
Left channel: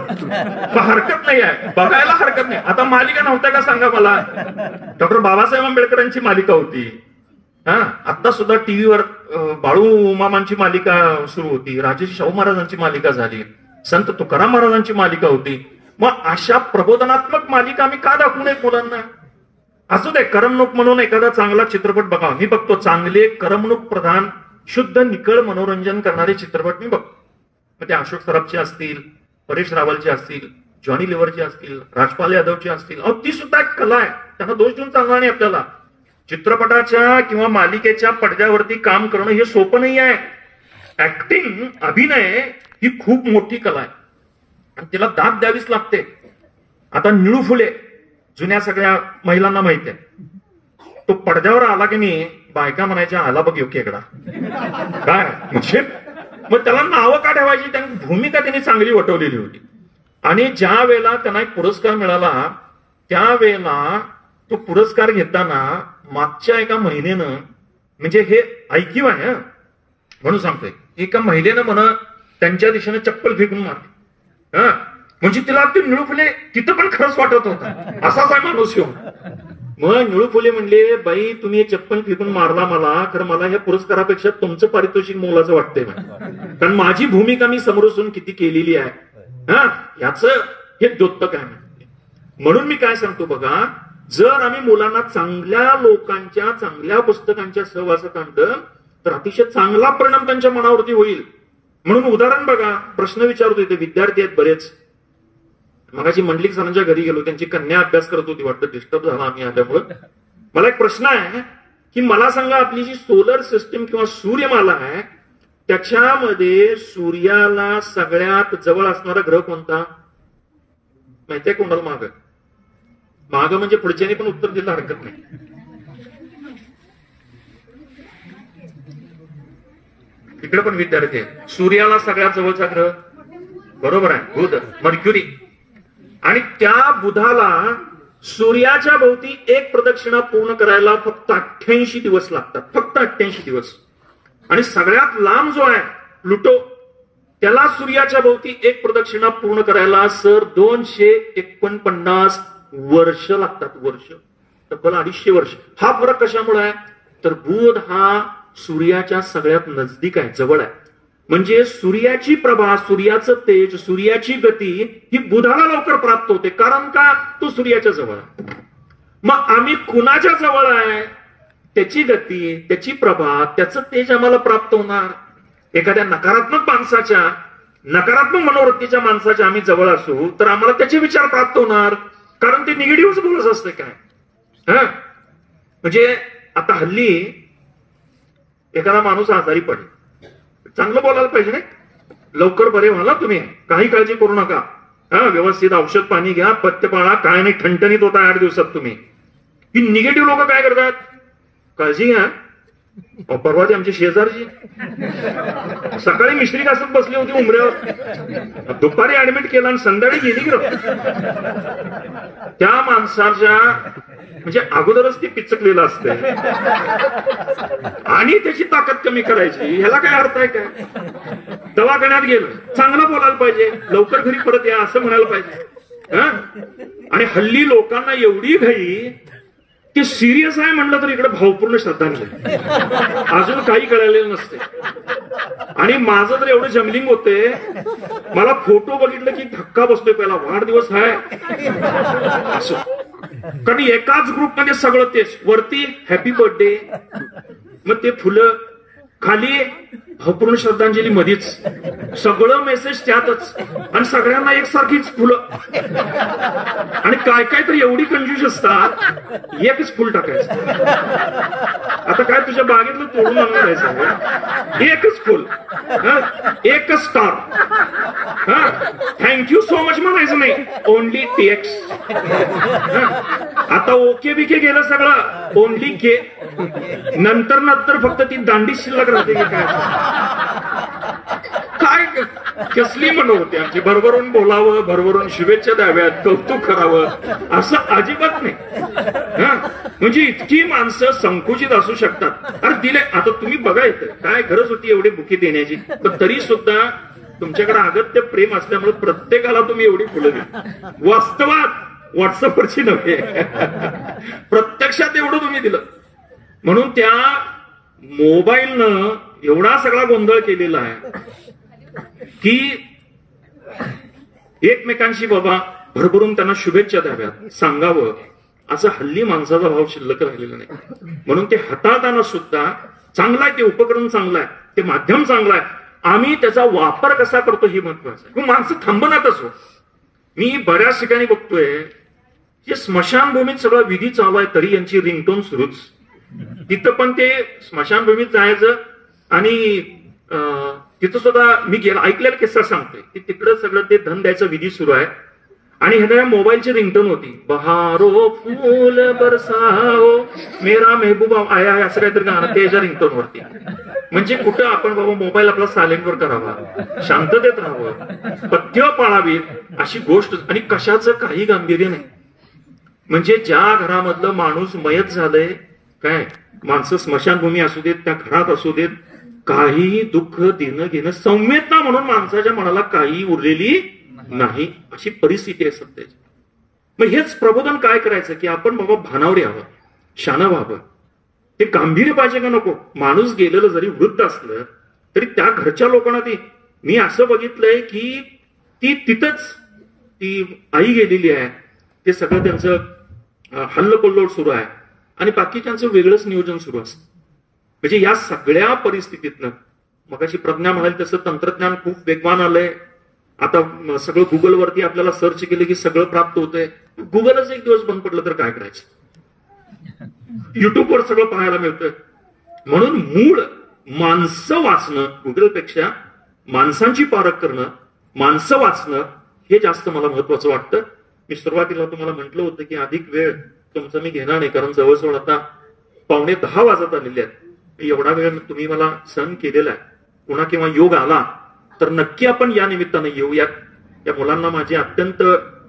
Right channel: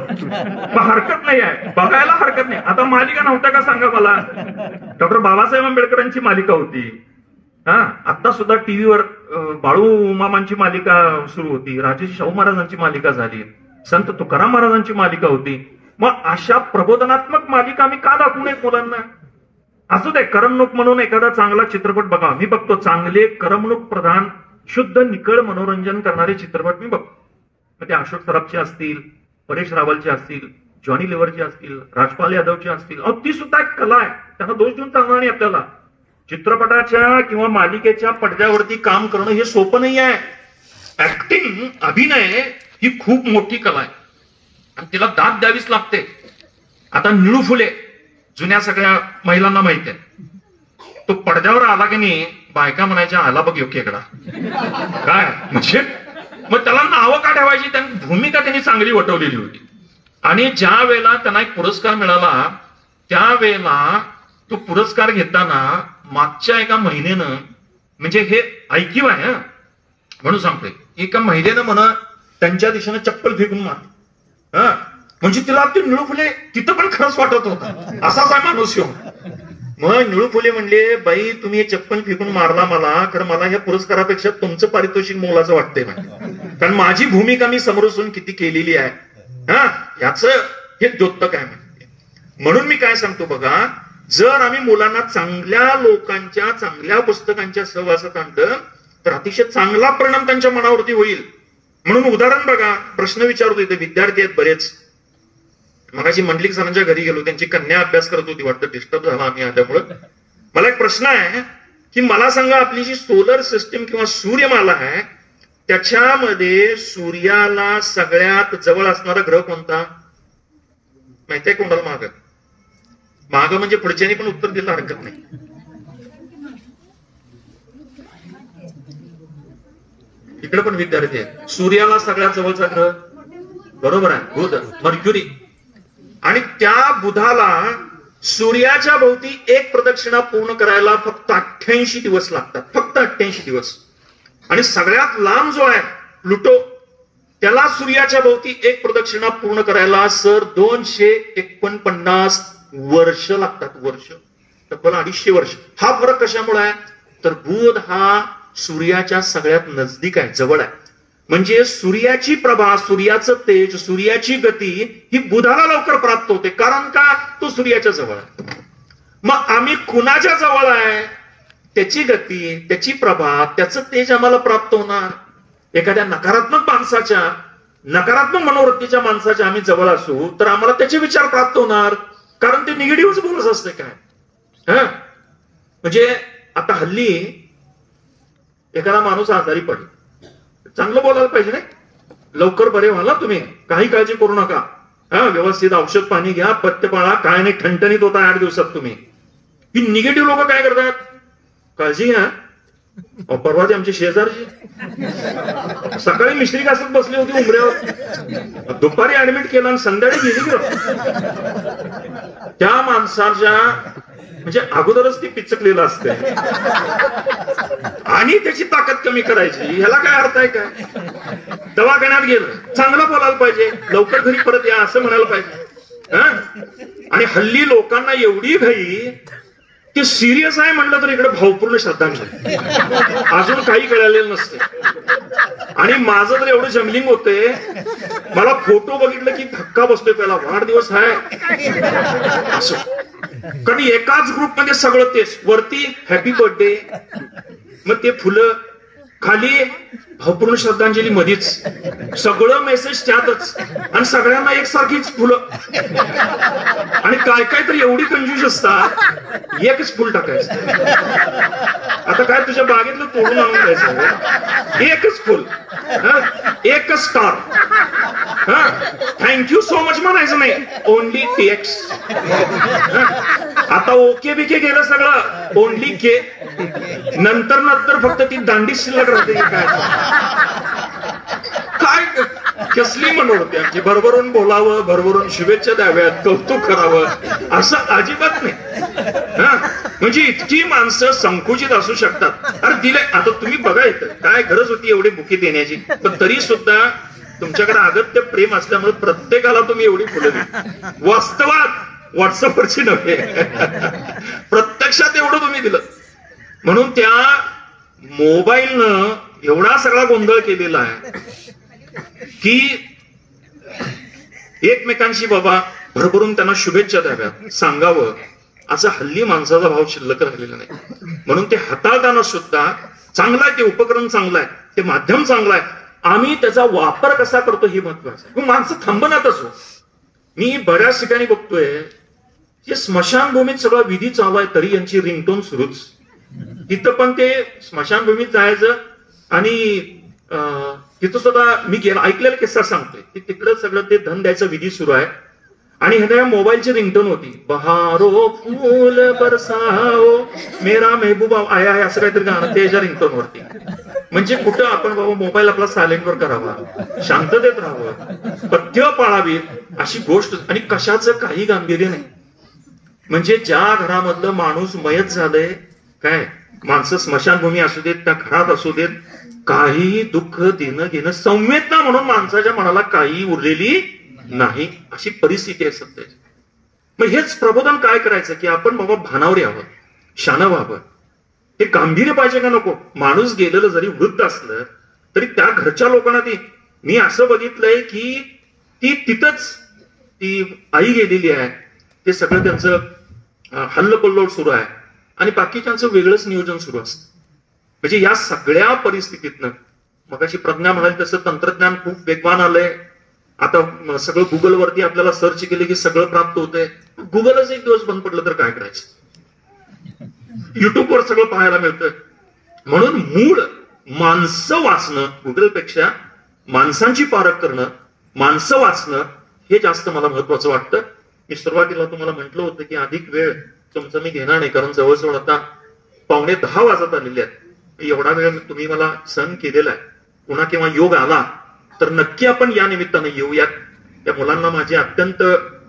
मग हरकत नाही आहे, बघायला हरकत नाही. आता मालिका नव्हत्या का सांगा मला, डॉक्टर बाबासाहेब आंबेडकरांची मालिका होती. आता सुद्धा टीव्हीवर बाळू मामांची मालिका सुरू होती, राजेश शाहू महाराजांची मालिका झाली, संत तुकाराम महाराजांची मालिका होती. मग अशा प्रबोधनात्मक मालिका आम्ही का दाखवू नये मुलांना. असू दे, करमणूक म्हणून एखादा चांगला चित्रपट बघा, मी बघतो. चांगले करमणूक प्रधान, शुद्ध निकळ मनोरंजन करणारे चित्रपट मी बघतो. ते अशोक सराफचे असतील, परेश रावलचे असतील, जॉनी लिव्हरचे असतील, राजपाल यादवचे असतील. ती सुद्धा एक कला आहे, त्यांना दोष देऊन चालणार नाही आपल्याला. चित्रपटाच्या किंवा मालिकेच्या पडद्यावरती काम करणं हे सोपं नाही आहे. ऍक्टिंग, अभिनय ही खूप मोठी कला आहे आणि तिला दाद द्यावीच लागते. आता निळू फुले जुन्या सगळ्या महिलांना माहिती आहे, तो पडद्यावर आला की नाही, बायका म्हणायच्या आला बघ योग्यकडा काय, म्हणजे मग त्याला नावं का ठेवायची, त्यांनी भूमिका त्यांनी चांगली वटवलेली होती. आणि ज्या वेळेला त्यांना एक पुरस्कार मिळाला, त्यावेळेला तो पुरस्कार घेताना मागच्या एका महिलेनं, म्हणजे हे ऐकीव आहे म्हणून सांगतोय, एका महिलेनं त्यांच्या दिशेने चप्पल फेकून मारली. म्हणजे तिला ते निळू फुले तिथं पण खरंच वाटत होता, असाच आहे माणूस येऊन. मग निळू फुले म्हणले, बाई तुम्ही चप्पल फेकून मारला मला, तर मला ह्या पुरस्कारापेक्षा तुमचं पारितोषिक मोलाचं वाटतंय, कारण माझी भूमिका मी समोरून किती केलेली आहे, हा याच हे द्योतक आहे म्हणते. म्हणून मी काय सांगतो बघा, जर आम्ही मुलांना चांगल्या लोकांच्या चांगल्या पुस्तकांच्या सहवासात आणलं तर अतिशय चांगला परिणाम त्यांच्या मनावरती होईल. म्हणून उदाहरण बघा, प्रश्न विचारतो, इथे विद्यार्थी आहेत बरेच. मगाशी मंडलिक सरांच्या घरी गेलो, त्यांची कन्या अभ्यास करत होती वाटतं, डिस्टर्ब झाला आम्ही आल्यामुळं. मला एक प्रश्न आहे की मला सांगा, आपली जी सोलर सिस्टीम किंवा सूर्यमाला आहे त्याच्यामध्ये सूर्याला सगळ्यात जवळ असणारा ग्रह कोणता माहितीये कोणाला? माग म्हणजे पुढच्यानी पण उत्तर दिलं हरकत नाही. इकडे पण विद्यार्थी आहे. सूर्याला सगळ्यात जवळचा ग्रह बरोबर आहे बुध, मर्क्युरी. आणि त्या बुधाला सूर्याच्या भोवती एक प्रदक्षिणा पूर्ण करायला फक्त 88 दिवस लागतात, फक्त 88 दिवस. आणि सगळ्यात लांब जो आहे प्लुटो, त्याला सूर्याच्या भोवती एक प्रदक्षिणा पूर्ण करायला सर 249 वर्ष लागतात, वर्ष, तब्बल 250 वर्ष. हा फरक कशामुळे आहे? तर बुध हा सूर्याच्या सगळ्यात नजदीक आहे, जवळ आहे. म्हणजे सूर्याची प्रभा, सूर्याचं तेज, सूर्याची गती ही बुधाला लवकर प्राप्त होते, कारण का? तो सूर्याच्या जवळ आहे. मग आम्ही कुणाच्या जवळ आहे? त्याची गती, त्याची प्रभा, त्याचं तेज आम्हाला प्राप्त होणार. एखाद्या नकारात्मक माणसाच्या, नकारात्मक मनोवृत्तीच्या माणसाच्या आम्ही जवळ असू तर आम्हाला त्याचे विचार प्राप्त होणार, कारण ते निगेटिव्हच बोलत असते काय. हा म्हणजे आता हल्ली एखादा माणूस आजारी पडेल, चांगलं बोलायला पाहिजे नाही, लवकर बरे व्हाल तुम्ही, काही काळजी करू नका, हा व्यवस्थित औषध पाणी घ्या, पथ्य पाळा, काय नाही, ठणठणीत होता 8 दिवसात तुम्ही. ही निगेटिव्ह लोक काय करतात? काळजी घ्या. परवा ते आमची शेजारची सकाळी मिश्री घासत बसली होती उमऱ्यावर, दुपारी ऍडमिट केला आणि संध्याकाळी गेली की त्या माणसाच्या म्हणजे अगोदरच ती पिचकलेलं असते आणि त्याची ताकद कमी करायची, ह्याला काय अर्थ आहे काय? दवाखान्यात गेलं, चांगलं बोलायला पाहिजे, लवकर घरी परत या असं म्हणायला पाहिजे. आणि हल्ली लोकांना एवढी घाई की सिरियस आहे म्हणलं तर इकडे भावपूर्ण श्रद्धांजली, अजून काही कळलेलं नसते. आणि माझं तर एवढं जमलिंग होते, मला फोटो बघितलं की धक्का बसतोय, पहिला वाढदिवस आहे असं, कारण एकाच ग्रुपमध्ये सगळं तेच, वरती हॅपी बर्थडे, मग ते फुलं, खाली भावपूर्ण श्रद्धांजली, मध्येच सगळं मेसेज त्यातच, आणि सगळ्यांना एकसारखीच फुलं. आणि काय काय तर एवढी कंजूस असतात, एकच फुल टाकायचं. आता काय तुझ्या बागेतलं तोडून आणून द्यायचं, एकच फुल, एकच स्टार, थँक्यू सो मच म्हणायचं नाही, ओनली टेक्स. आता ओके बिके गेलं सगळं, ओनली के. नंतर नंतर फक्त ती दांडी शिल्लक राहते काय. कसली मनोवृत्ती आमची, भरभरून बोलावं, भरभरून शुभेच्छा द्याव्यात, कौतुक करावं, असं अजिबात नाही. म्हणजे इतकी माणसं संकुचित असू शकतात. अरे दिले, आता तुम्ही बघा येतं काय गरज होती एवढी बुके देण्याची, पण तरी सुद्धा तुमच्याकडे अगत्य प्रेम असल्यामुळे प्रत्येकाला तुम्ही एवढी फुलं दिली. वास्तवात व्हॉट्सअपवरची नव्हे, प्रत्यक्षात एवढं तुम्ही दिलं. म्हणून त्या मोबाईलनं एवढा सगळा गोंधळ केलेला आहे की एकमेकांशी बाबा भरभरून त्यांना शुभेच्छा द्याव्यात, सांगावं, असं हल्ली माणसाचा भाव शिल्लक राहिलेला नाही. म्हणून ते हाताळताना सुद्धा चांगलं आहे, ते उपकरण चांगलं आहे, ते माध्यम चांगलं आहे, आम्ही त्याचा वापर कसा करतो हे महत्वाचं आहे. माणसं थांबणारच हो. मी बऱ्याच ठिकाणी बघतोय हे स्मशानभूमीत सगळा विधी चालू आहे, तरी यांची रिंगटोन सुरूच. तिथं पण ते स्मशानभूमीत जायचं आणि तिथं सुद्धा मी गेला ऐकलेला किस्सा सांगतोय की तिकडं सगळं ते धन द्यायचं विधी सुरू आहे आणि ह्याला मोबाईलची रिंगटोन होती, बहारो फूल बरसाओ मेरा महबूबा आया आहे, असं काहीतरी गाणं त्याच्या रिंगटोन वरती. म्हणजे कुठं आपण बाबा मोबाईल आपला सायलेंटवर करावा, शांततेत राहावं, पथ्य पाळावी अशी गोष्ट, आणि कशाचं काही गांभीर्य नाही. म्हणजे ज्या घरामधलं माणूस मयत झालंय, काय माणसं स्मशानभूमी असू देत, त्या घरात असू देत, काही दुःख देणं घेणं, संवेदना म्हणून माणसाच्या मनाला काही उरलेली नाही, अशी परिस्थिती आहे सध्याची. मग हेच प्रबोधन काय करायचं की आपण बाबा भानावर यावं, शानं व्हावं. हे गांभीर्य पाहिजे का नको. माणूस गेलेलं जरी वृद्ध असलं तरी त्या घरच्या लोकांना मी असं बघितलंय की ती तिथंच ती आई गेलेली आहे, ते सगळं त्यांचं हल्लकल्लोळ सुरू आहे आणि बाकीच्यांचं वेगळंच नियोजन सुरू असतं. म्हणजे या सगळ्या परिस्थितीतनं मगाशी प्रज्ञा म्हणाली तसं तंत्रज्ञान खूप वेगवान आलंय. आता सगळं गुगलवरती आपल्याला सर्च केलं की सगळं प्राप्त होतंय. गुगलच एक दिवस बंद पडलं तर काय करायचं. युट्यूबवर सगळं पाहायला मिळतं. म्हणून मूळ माणसं वाचणं, गुगलपेक्षा माणसांची पारख करणं, माणसं वाचणं हे जास्त मला महत्वाचं वाटतं. मी सुरुवातीला तुम्हाला म्हटलं होतं की अधिक वेळ तुमचं मी घेणार नाही, कारण जवळजवळ आता 9:45 वाजत आलेले आहेत. एवढा वेळ तुम्ही मला सहन केलेला आहे. पुन्हा किंवा योग आला तर नक्की आपण या निमित्तानं येऊयात. त्या मुलांना माझे अत्यंत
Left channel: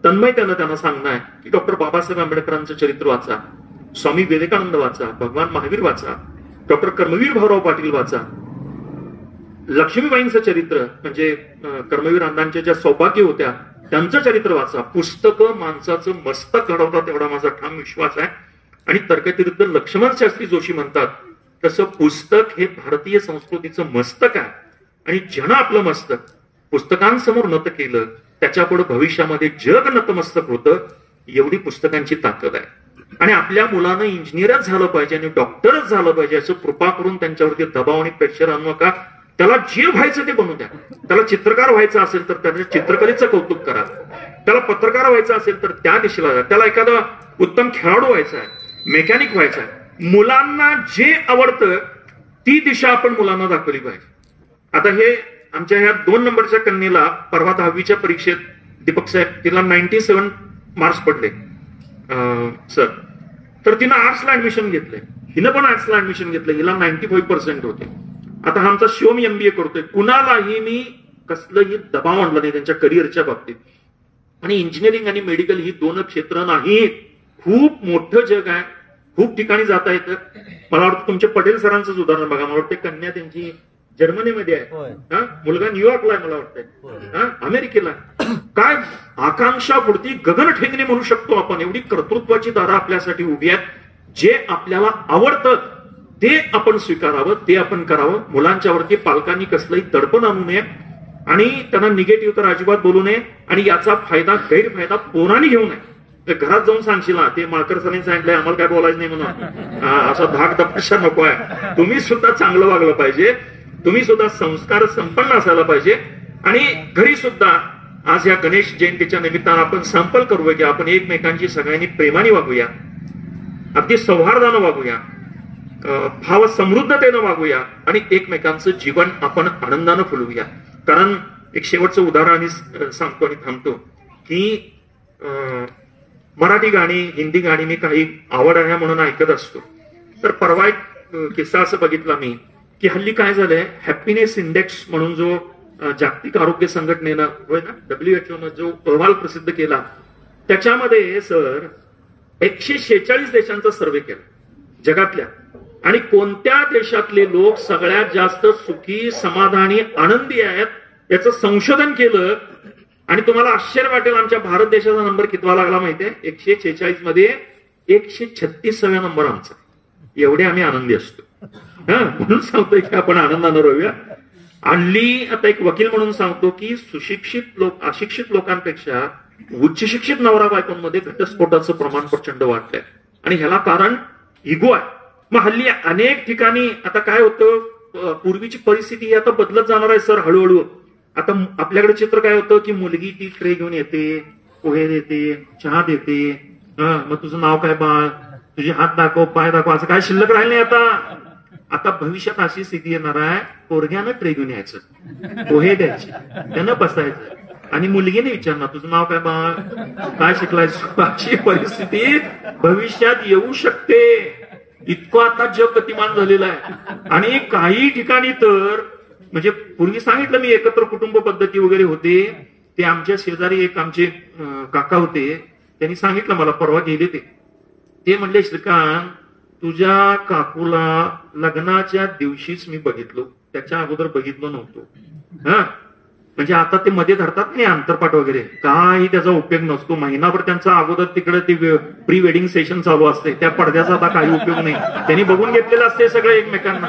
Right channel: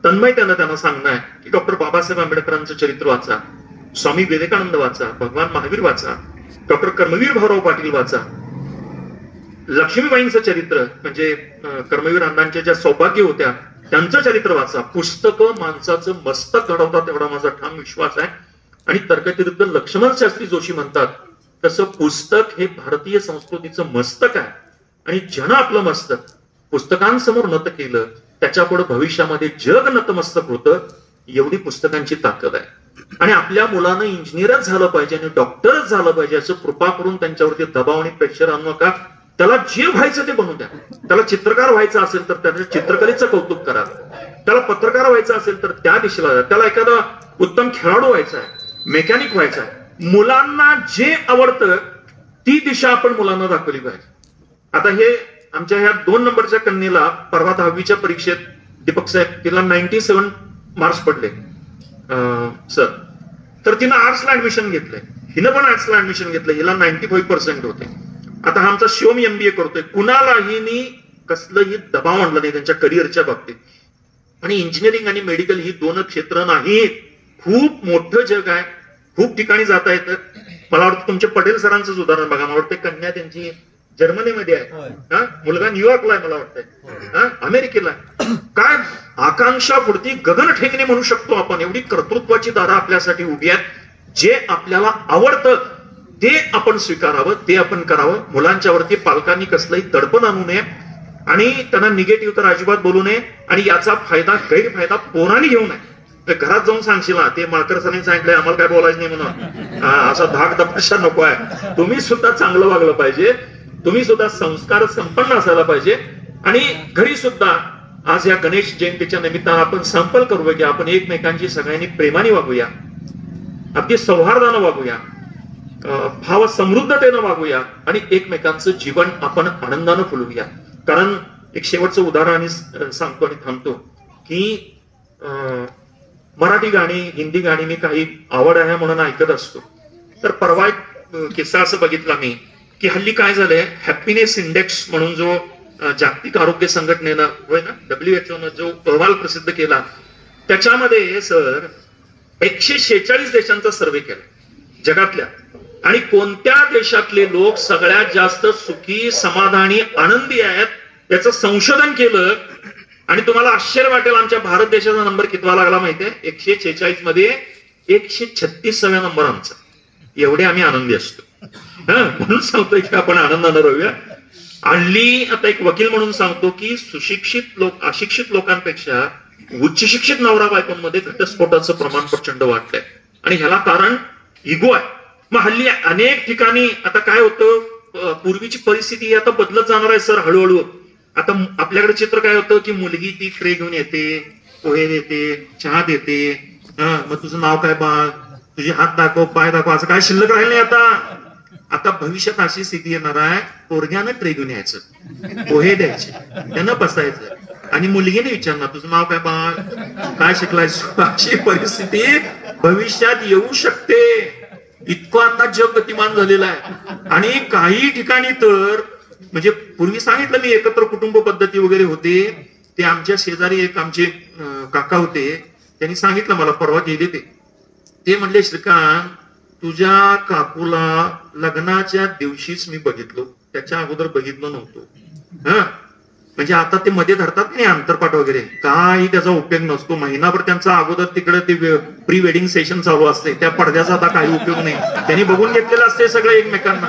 तन्मयतेनं त्यांना सांगणं आहे की डॉक्टर बाबासाहेब आंबेडकरांचं चरित्र वाचा, स्वामी विवेकानंद वाचा, भगवान महावीर वाचा, डॉक्टर कर्मवीर भाऊराव पाटील वाचा, लक्ष्मीबाईंचं चरित्र म्हणजे कर्मवीर अण्णांच्या ज्या सौभाग्य होत्या त्यांचं चरित्र वाचा. पुस्तकं माणसाचं मस्तक घडवतात एवढा माझा ठाम विश्वास आहे. आणि तर्कतीर्थ लक्ष्मण शास्त्री जोशी म्हणतात तसं पुस्तक हे भारतीय संस्कृतीचं मस्तक आहे. आणि ज्यानं आपलं मस्तक पुस्तकांसमोर नत केलं त्याच्यापुढे भविष्यामध्ये जग नतमस्तक होतं. एवढी पुस्तकांची ताकद आहे. आणि आपल्या मुलानं इंजिनियरच झालं पाहिजे आणि डॉक्टरच झालं पाहिजे असं कृपा करून त्यांच्यावरती दबाव आणि प्रेशर आणू नका. त्याला जे व्हायचं ते बनवू द्या. त्याला चित्रकार व्हायचं असेल तर त्याच्या चित्रकलेचं कौतुक करा. त्याला पत्रकार व्हायचं असेल तर त्या दिशेला जा. त्याला एखादा उत्तम खेळाडू व्हायचा आहे, मेकॅनिक व्हायचा आहे. मुलांना जे आवडतं ती दिशा आपण मुलांना दाखवली पाहिजे. आता हे आमच्या ह्या 2 नंबरच्या कन्येला परवा 10वीच्या परीक्षेत दीपक साहेब तिला 97 मार्क्स पडले सर. तर तिनं आर्ट्सला ऍडमिशन घेतलंय. हिनं पण आर्ट्सला ऍडमिशन घेतलं. हिला 95% होते. आता हा आमचा शिवम MBA करतोय. कुणालाही मी कसलंही दबाव आणला नाही त्यांच्या करिअरच्या बाबतीत. आणि इंजिनिअरिंग आणि मेडिकल ही 2 क्षेत्र नाही, खूप मोठं जग आहे. खूप ठिकाणी जाता येतं. मला वाटतं तुमच्या पटेल सरांचंच उदाहरण बघा. मला वाटतं कन्या त्यांची जर्मनीमध्ये आहे, मुलगा न्यूयॉर्कला आहे, मला वाटतंय अमेरिकेला. काय आकांक्षा पुढती गगन ठेंगणे म्हणू शकतो आपण. एवढी कर्तृत्वाची दारं आपल्यासाठी उभी आहेत. जे आपल्याला आवडतं ते आपण स्वीकारावं, ते आपण करावं. मुलांच्या वरती पालकांनी कसलंही दडपण आणू नये आणि त्यांना निगेटिव्ह तर अजिबात बोलू नये. आणि याचा फायदा गैरफायदा पोरांनी घेऊ नये. घरात जाऊन सांगशील ना ते मालकर सरांनी सांगितलंय आम्हाला काय बोलायचं नाही म्हणून, असा धाक तपशा नको आहे. तुम्ही सुद्धा चांगलं वागलं पाहिजे. तुम्ही सुद्धा संस्कार संपन्न असायला पाहिजे. आणि घरी सुद्धा आज या गणेश जयंतीच्या निमित्तानं आपण संकल्प करूया की आपण एकमेकांची सगळ्यांनी प्रेमाने वागूया, अगदी सौहार्दानं वागूया, भाव समृद्धतेनं वागूया आणि एकमेकांचं जीवन आपण आनंदानं फुलवूया. कारण एक शेवटचं उदाहरण आणि सांगतो आणि थांबतो की मराठी गाणी, हिंदी गाणी मी काही आवड आहे म्हणून ऐकत असतो. तर परवा एक किस्सा असं बघितला मी की हल्ली काय झालंय, हॅपीनेस इंडेक्स म्हणून जो जागतिक आरोग्य संघटनेनं होय ना WHO जो अहवाल प्रसिद्ध केला त्याच्यामध्ये सर 146 देशांचा सर्वे केला जगातल्या. आणि कोणत्या देशातले लोक सगळ्यात जास्त सुखी, समाधानी, आनंदी आहेत याचं संशोधन केलं. आणि तुम्हाला आश्चर्य वाटेल आमच्या भारत देशाचा नंबर कितवा लागला माहितीये? 146 मध्ये 136व्या नंबर आमचा. एवढे आम्ही आनंदी असतो. म्हणून सांगतोय की आपण आनंदानं राहूया. हल्ली आता एक वकील म्हणून सांगतो की सुशिक्षित लोक अशिक्षित लोकांपेक्षा उच्च शिक्षित नवरा बायकोंमध्ये घटस्फोटाचं प्रमाण प्रचंड वाढलंय. आणि ह्याला कारण इगो आहे. मग हल्ली अनेक ठिकाणी आता काय होतं, पूर्वीची परिस्थिती आता बदलत जाणार आहे सर हळूहळू. आता आपल्याकडे चित्र काय होतं की मुलगी ती ट्रे घेऊन येते, पोहे देते, चहा देते, मग तुझं नाव काय बाळ, तुझे हात दाखव, पाय दाखव, असं काय शिल्लक राहिलं नाही आता. आता भविष्यात अशी स्थिती येणार आहे, पोरग्यानं ट्रे घेऊन यायचं, पोहे द्यायचे, त्यानं बसायचं आणि मुलगीने विचारणार तुझं नाव काय बाळ, काय शिकलायस. अशी परिस्थिती भविष्यात येऊ शकते. इतकं आता जग गतिमान झालेलं आहे. आणि काही ठिकाणी तर म्हणजे पूर्वी सांगितलं मी एकत्र कुटुंब पद्धती वगैरे होते. ते आमच्या शेजारी एक आमचे काका होते, त्यांनी सांगितलं मला परवा गेले ते म्हणले श्रीकांत तुझ्या काकूला लग्नाच्या दिवशीच मी बघितलो, त्याच्या अगोदर बघितलं नव्हतो. म्हणजे आता ते मध्ये धरतात नाही अंतरपाठ वगैरे, काही त्याचा उपयोग नसतो. महिनाभर त्यांचा अगोदर तिकडे ते प्री वेडिंग सेशन चालू असते, त्या पडद्याचा आता काही उपयोग नाही. त्यांनी बघून घेतलेलं असते सगळं एकमेकांना.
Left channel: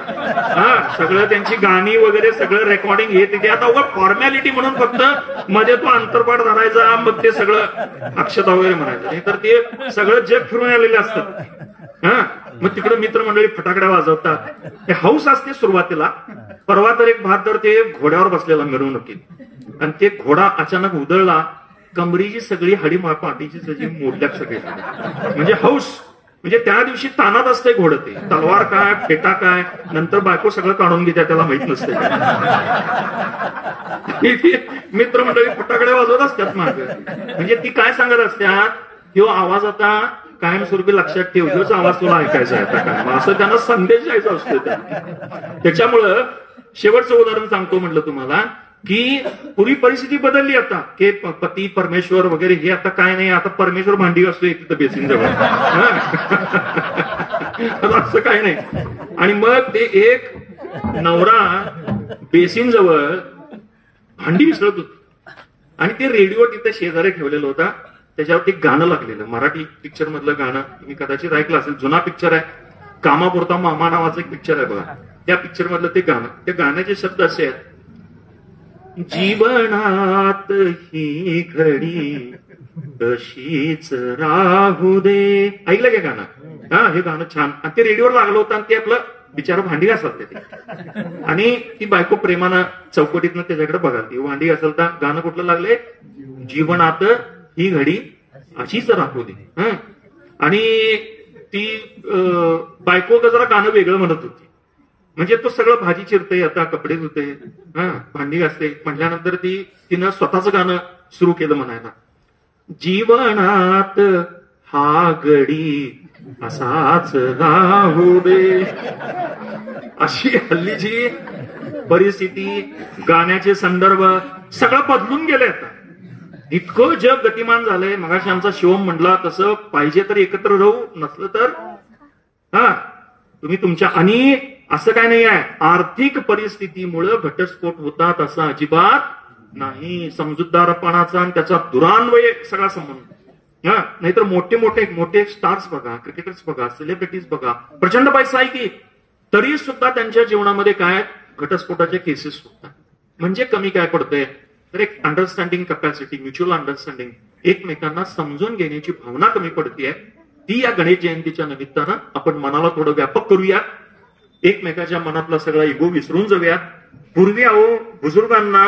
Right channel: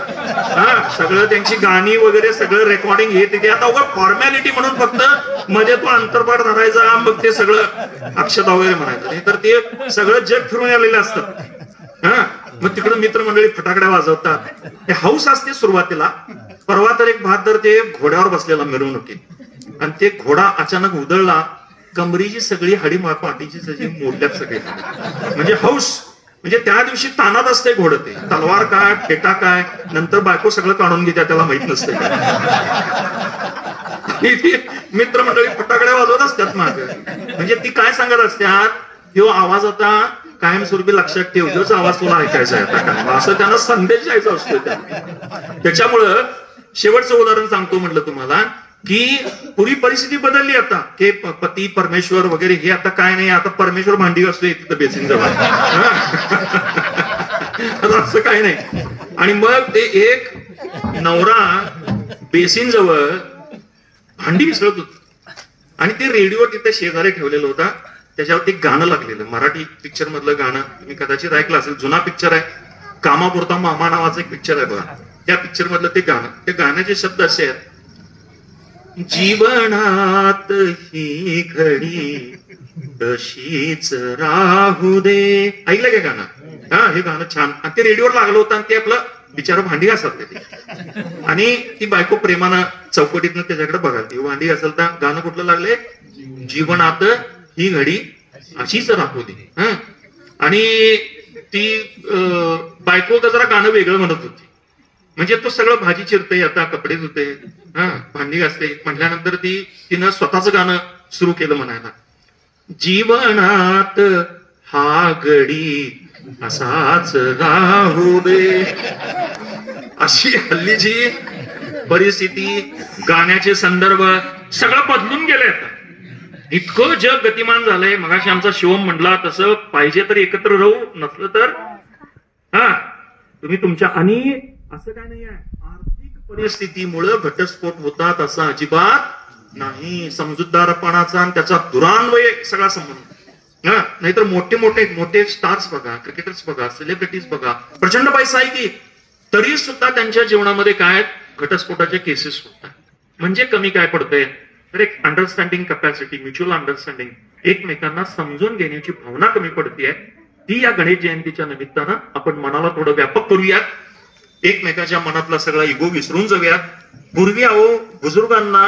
हा, सगळं त्यांची गाणी वगैरे सगळं रेकॉर्डिंग हे ते आता उगा फॉर्मॅलिटी म्हणून फक्त मध्ये तो अंतरपाठ धरायचा, मग ते सगळं अक्षता वगैरे म्हणायचं. नाही तर ते सगळं जग फिरून आलेले असतात. हा, मग तिकडे मित्रमंडळी फटाकड्या वाजवतात. ते हौस असते सुरुवातीला. परवा तर एक बहादर ते घोड्यावर बसलेला मिरवणुकीत, आणि ते घोडा अचानक उधळला, कमरीची सगळी हडी पाठीची सगळी मोडल्यात सगळे. म्हणजे हौस, म्हणजे त्या दिवशी तानात असते घोडं. ते तलवार काय फेटा काय नंतर बायको सगळं काढून घेत्या, त्याला माहित नसते. मित्रमंडळी फटाकड्या वाजवत असतात माग. म्हणजे ती काय सांगत असतात, ह्यो आवाज आता कायमस्वरूपी लक्षात ठेव, ह्योच आवाज तुला ऐकायचा आहे आता काय, असं त्यांना संदेश द्यायचा असतो. त्याच्यामुळं शेवटचं उदाहरण सांगतो म्हटलं तुम्हाला, की पूर्वी परिस्थिती बदलली आता, की पती परमेश्वर वगैरे हे आता काय नाही. आता परमेश्वर भांडी असतो तिथं बेसिन जवळ, असं काही नाही. आणि मग ते एक नवरा बेसिन जवळ भांडी विसरत होत, आणि ते रेडिओ तिथे शेजारी ठेवलेलं होता. त्याच्यावरती गाणं लागलेलं, मराठी पिक्चर मधलं गाणं. तुम्ही कदाचित ऐकलं असेल, जुना पिक्चर आहे, कामापुरता मामा नावाचं एक पिक्चर आहे बघा. त्या पिक्चर मधलं ते गाणं, त्या गाण्याचे शब्द असे आहेत, जीवनात ही घडी तशीच राहू दे. ऐकलं का गाणं? हा, हे गाणं छान. आणि ते रेडिओवर लागलं होतं, आणि ते आपलं बिचारा भांडी घासत ते, आणि ती बायको प्रेमानं चौकटीतनं त्याच्याकडे बघा, ती भांडी घासलता. गाणं कुठलं लागले, जीवनात ही घडी अशीच राहू दे. आणि ती बायको जरा गाणं वेगळं म्हणत होती. म्हणजे तो सगळं भाजी चिरते, आता कपडे धुते, भांडी घासते म्हटल्यानंतर तिनं स्वतःच गाणं सुरू केलं म्हणायला, जीवनात हा घडी असाच राहू दे. अशी हल्लीची परिस्थिती, गाण्याचे संदर्भ सगळं बदलून गेलंय आता. इतकं जग गतिमान झालंय. मगाशी आमचा शिवम म्हटला तसं, पाहिजे तर एकत्र राहू, नसलं तर तुम्ही तुमच्या. आणि असं काय नाही आहे, आर्थिक परिस्थितीमुळे घटस्फोट होतात असं अजिबात नाही. समजूतदारपणाचा आणि त्याचा दुरान्वय सगळा संबंध. नाहीतर मोठे स्टार्स बघा, क्रिकेटर्स बघा, सेलिब्रिटीज बघा, प्रचंड पैसा आहे की, तरी सुद्धा त्यांच्या जीवनामध्ये काय घटस्फोटाच्या केसेस होतात. म्हणजे कमी काय पडतंय तर एक अंडरस्टँडिंग कॅपॅसिटी, म्युच्युअल अंडरस्टँडिंग, एकमेकांना समजून घेण्याची भावना कमी पडतीये. ती या गणेश जयंतीच्या निमित्तानं आपण मनाला थोडं व्यापक करूया, एकमेकाच्या मनातला सगळा इगो विसरून जाऊयात. पूर्वी बुजुर्गांना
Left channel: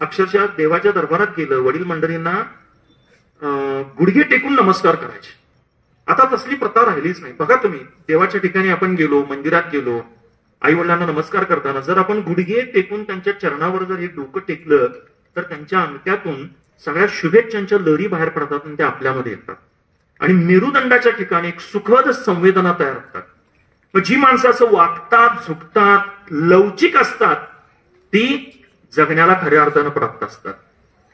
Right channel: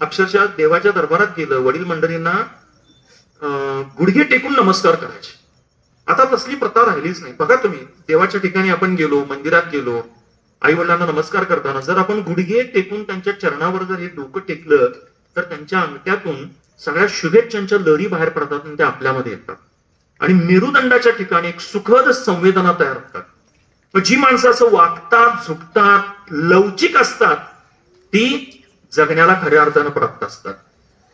अक्षरशः देवाच्या दरबारात गेलं, वडील मंडळींना गुडघे टेकून नमस्कार करायचे. आता तसली प्रथा राहिलीच नाही. बघा तुम्ही, देवाच्या ठिकाणी आपण गेलो, मंदिरात गेलो, आई वडिलांना नमस्कार करताना जर आपण गुडघे टेकून त्यांच्या चरणावर जर हे डोकं टेकलं, तर त्यांच्या अंगठ्यातून सगळ्या शुभेच्छांच्या लहरी बाहेर पडतात आणि त्या आपल्यामध्ये येतात. आणि मेरुदंडाच्या ठिकाणी एक सुखद संवेदना तयार होतात. जी माणसं असं वागतात, झुकतात, लवचिक असतात, ती जगण्याला खऱ्या अर्थानं प्राप्त असतात.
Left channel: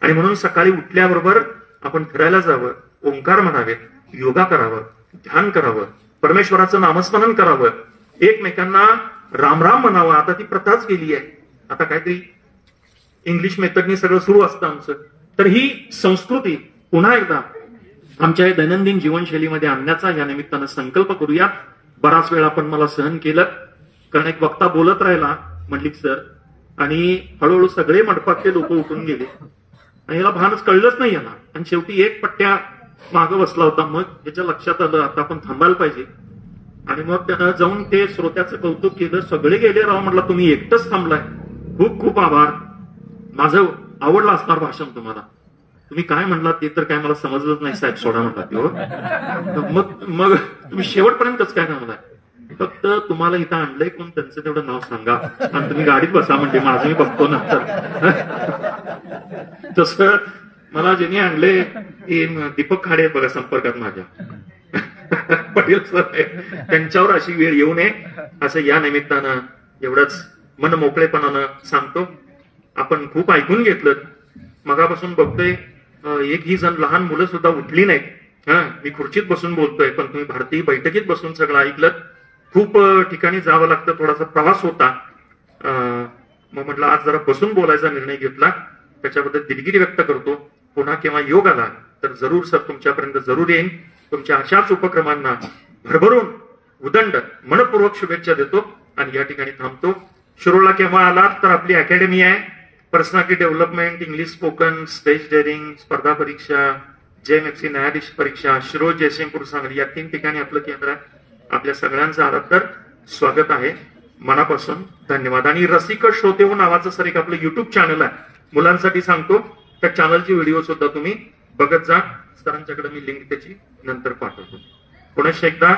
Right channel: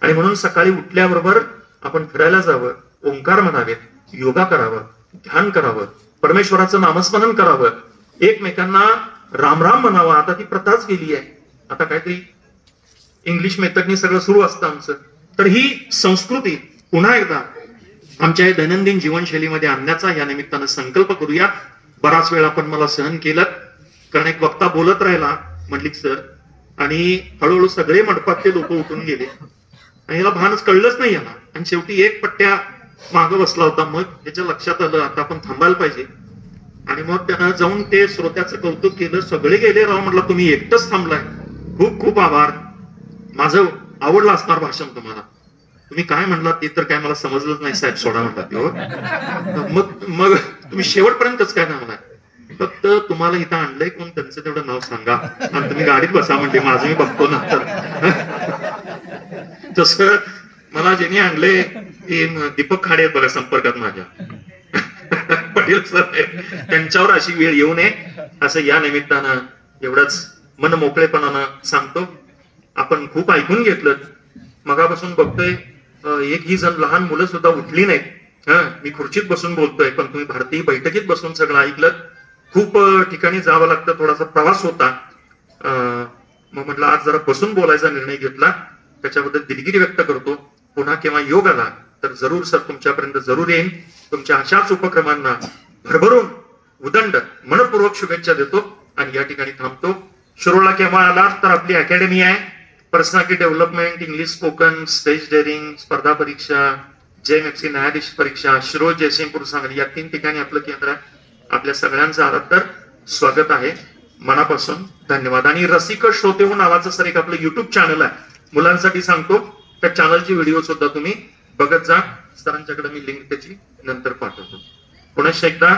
आणि म्हणून सकाळी उठल्याबरोबर आपण फिरायला जावं, ओंकार म्हणावेत, योगा करावं, ध्यान करावं, परमेश्वराचं नामस्मरण करावं, एकमेकांना राम राम म्हणावं. आता ती प्रथाच गेली आहे. आता काहीतरी इंग्लिश मेथडनी सगळं सुरू असतं आमचं. तर ही संस्कृती पुन्हा एकदा आमच्या दैनंदिन जीवनशैलीमध्ये आणण्याचा या निमित्तानं संकल्प करूया. बराच वेळ आपण मला सहन केलं, कारण एक वक्ता बोलत राहिला मंडलिक सर, आणि हळूहळू सगळे मंडपातले लोक उठून गेले, आणि याला भानच कळलंच नाही याला. आणि शेवटी एक पट्ट्या मागं बसला होता. मग त्याच्या लक्षात आलं आता आपण थांबायला पाहिजे. आणि मग त्यानं जाऊन ते श्रोत्याचं कौतुक केलं. सगळे गेले, राव म्हटलं तुम्ही एकटंच थांबलाय, खूप खूप आभार, माझं आवडलं असणार भाषण तुम्हाला, तुम्ही काय म्हणलात ते तर काय मला समजलंच नाही साहेब, सोडा म्हणतात. मग तुम्ही शेवटपर्यंतच काय थांबलाय, फक्त तुम्हाला इथं आणलंय कोण त्यांचं तेवढं नाव सांगा आणि तुम्ही गाडीत बसा म्हणजे माझं मी बघतो नंतर. तसं मला ज्यांनी आणलंय ते दीपक खाडे आहेत बघा संपर्कात माझ्या, पटेल सर, त्यांच्यावर अशी वेळ येऊ नये असं या निमित्तानं एवढंच मन मोकळेपणानं सांगतो. आपण खूप ऐकून घेतलं, मगापासून बघतोय एक ही जण लहान मुलं सुद्धा उठली नाहीत. मी खुर्चीत बसून बोलतोय, पण तुम्ही भारतीय बैठकीत बसून सगळं ऐकलं. खूप ठिकाणी जावं लागतं, थोडासा प्रवास होता, मग म्हटलं आज जरा बसून बोलायचा निर्णय घेतला. त्याच्याबद्दल दिलगिरी व्यक्त करतो. पुन्हा केव्हा योग आला तर जरूर सर तुमच्यापर्यंत जरूर येईन. तुमच्या अशाच उपक्रमांना भरभरून उदंड मनपूर्वक शुभेच्छा देतो आणि या ठिकाणी थांबतो. शिरोळला केव्हा आलात तर आपली अकॅडमी आहे. Personality development, English spoken, stage daring, स्पर्धा परीक्षा, JMFC न्यायाधीश परीक्षा, शिरोळ, जयसिंगपूर, सांगली या 3 ठिकाणी आपलं केंद्र आहे. आपल्या सगळ्यांचं आदर स्वागत आहे. मनापासून धन्यवाद. आणि रसिक श्रोते नावाचं सर एक आपलं युट्यूब चॅनल आहे, मुलांसाठी सांगतो. त्या चॅनलचे व्हिडिओ सुद्धा तुम्ही बघत जा. सरांच्याकडे मी लिंक त्याची नंतर पाठवतो. पुन्हा एकदा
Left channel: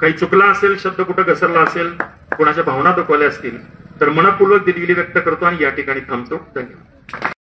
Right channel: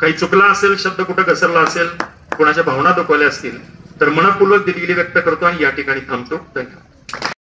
काही चुकला असेल, शब्द कुठं घसरला असेल, कोणाच्या भावना दुखवल्या असतील तर मनपूर्वक दिलगिरी व्यक्त करतो आणि या ठिकाणी थांबतो. धन्यवाद.